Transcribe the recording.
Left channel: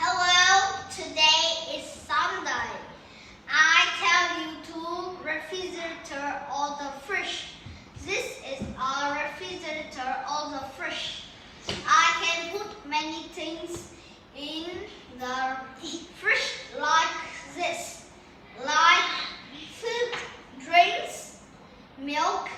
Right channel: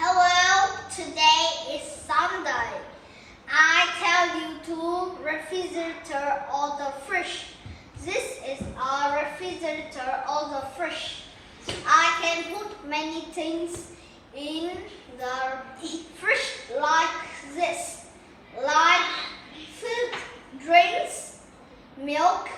Hello, today is Sunday. I tell you to refrigerator all the fish. This is a refrigerator all the fish. I can put many things in the fridge like this, like food, drinks, milk,